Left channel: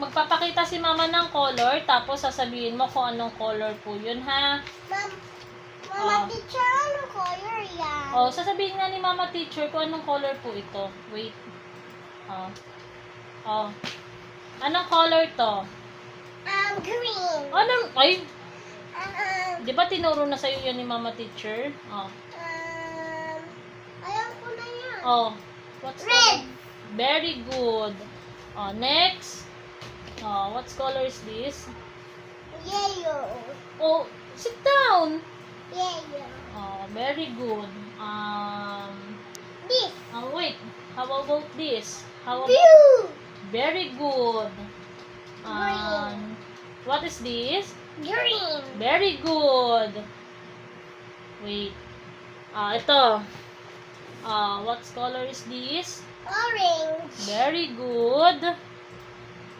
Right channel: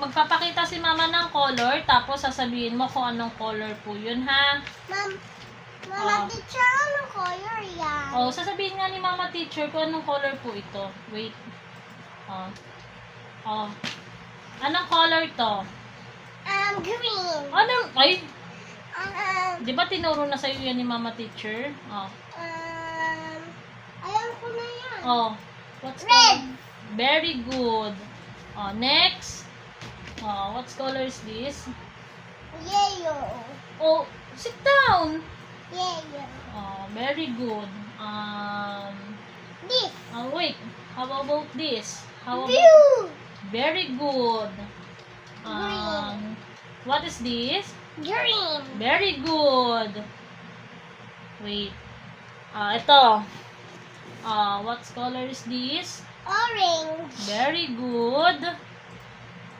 Magpapakita si mama ng color, tapos sasabihin mo kung anong color po yun, ha? Mama teacher, ano color yan? Oh, sasabihin nga ni mama teacher kung anong color po ito. Wait. Oh. Anong color to? Green. Anong, ay, Um, di ba tinuro na sa'yo yan ni mama teacher? ayaw ko na yan. Oh, what's Red. color? Very good. Next. What's color is this? Yellow. Oh, sit down. Yellow. Very good. This. Wait. How about this? How about... Blue. Very good. Green. What is this? Green. Very good. Wait. Ito. What color is this? Orange. Very good.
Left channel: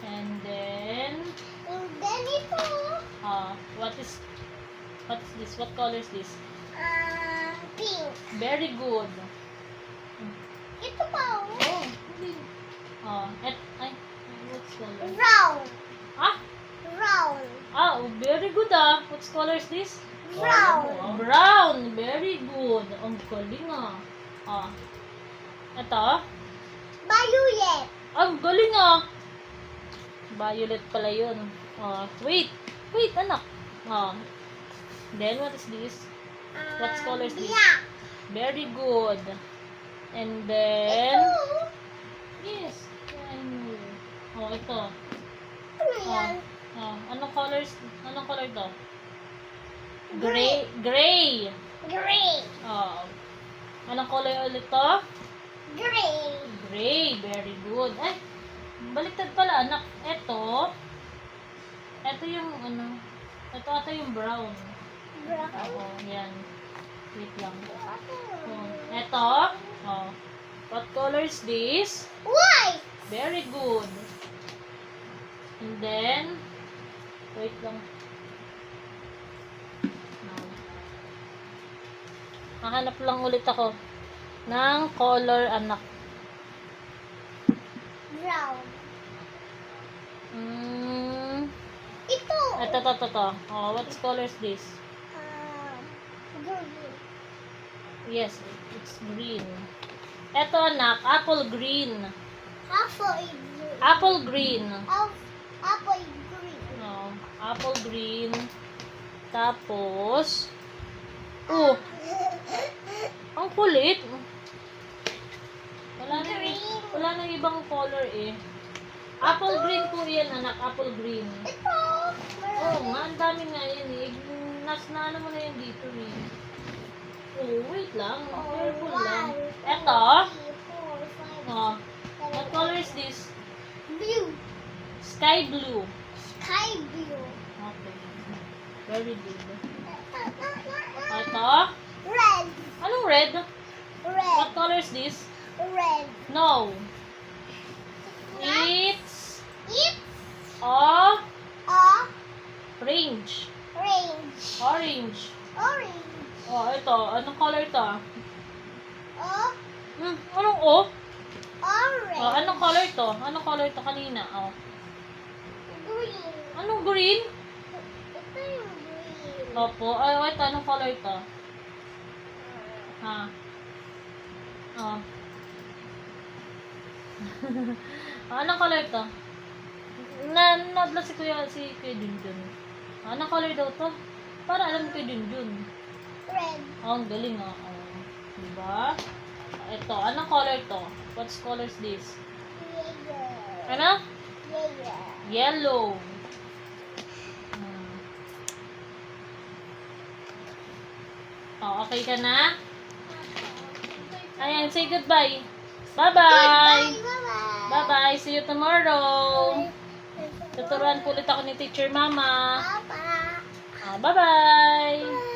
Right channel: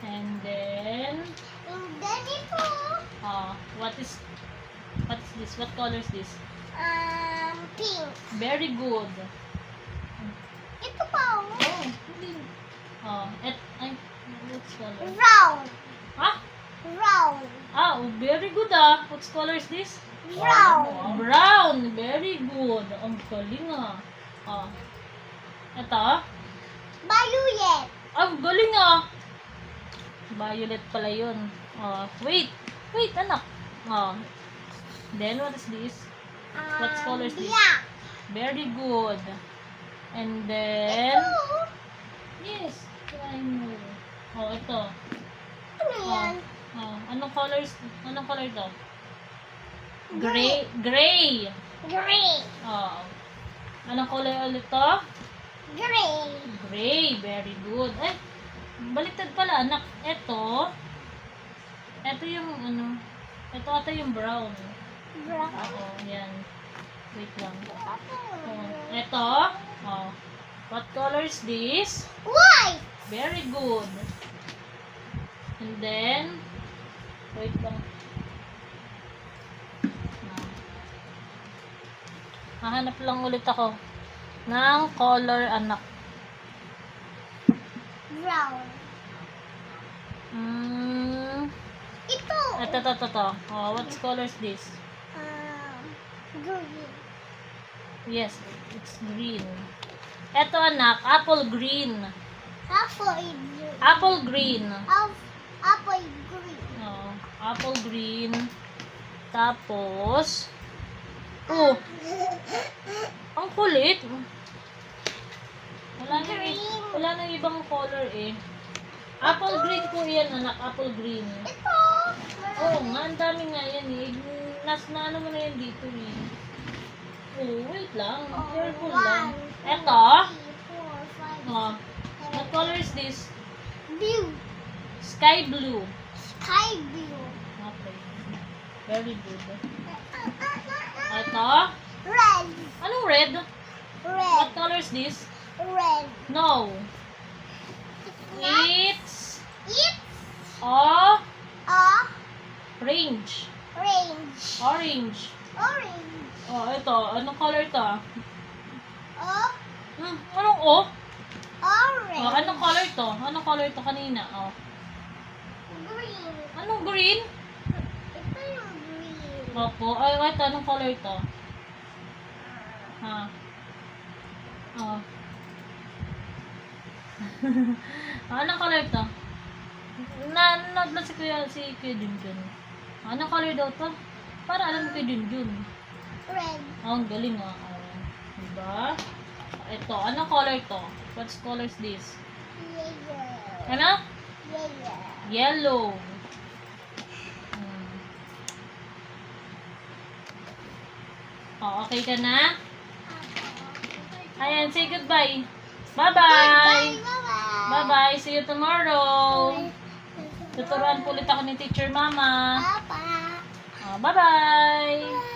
And then, And then ito. what is this? What color is this? Pink. Very good. Ito pa. Oh, hindi. Ay, what's color? Brown. Ah? Brown. Very good What color is this? Brown. Brown. Very good. Ang galing Ito? Violet. Ang galing Violet pala yun. Wait, anak. Then what is this? What color is this? Black. Very good. And then, Ito. yes, I know. Ito. Ano yan? Anong color to? Gray. Gray. Gray. Anong color ulit to? Gray. Gray. Very good. Baliktad pala, anak. Ito yung ito ata yung brown. Brown. Yan. Wait lang. Ito. What color is this? White. Very good. And then, wait lang. Hahanap lang ulit ako ng color, anak. Brown. Ito. Ito. What color is this? Green. Yes, it's green. Ito, anak, apple green. Apple is green. Apple green. Apple is green. Apple green. Tapos, ang kulit. Wala nang ibang color Apple green po yan, anak. Apple green. Ito. Nga, ang dami nga yan na ano mo na yan dito wait lang. Careful lang. Ito. 3, 4, 5, What color is this? Blue. Sky blue. Sky blue. Okay. Very good. Ito. Red. Anong red? Red. What color is this? Red. No. It's It's a orange. orange. Orange. Orange. Ito. Anong color ito? Anong Orange. anong color to? Anong color to kanina? Green. Anong green? Ito yung green. Opo. Ito. Anong color to? Anong color to? Si Kuya Junjun. Anong color daw to? Para alam ko Kuya Junjun. Red. Ang galing Diba? Ito. Anong color to? What color is this? Yellow. Ano? Yellow. Yellow. Okay ka na? Ayan, say goodbye. Bye-bye. Bye-bye. Bye-bye. See you tomorrow. Tuturuan po ulit ako ni Teacher Mama. Papa. Bye-bye.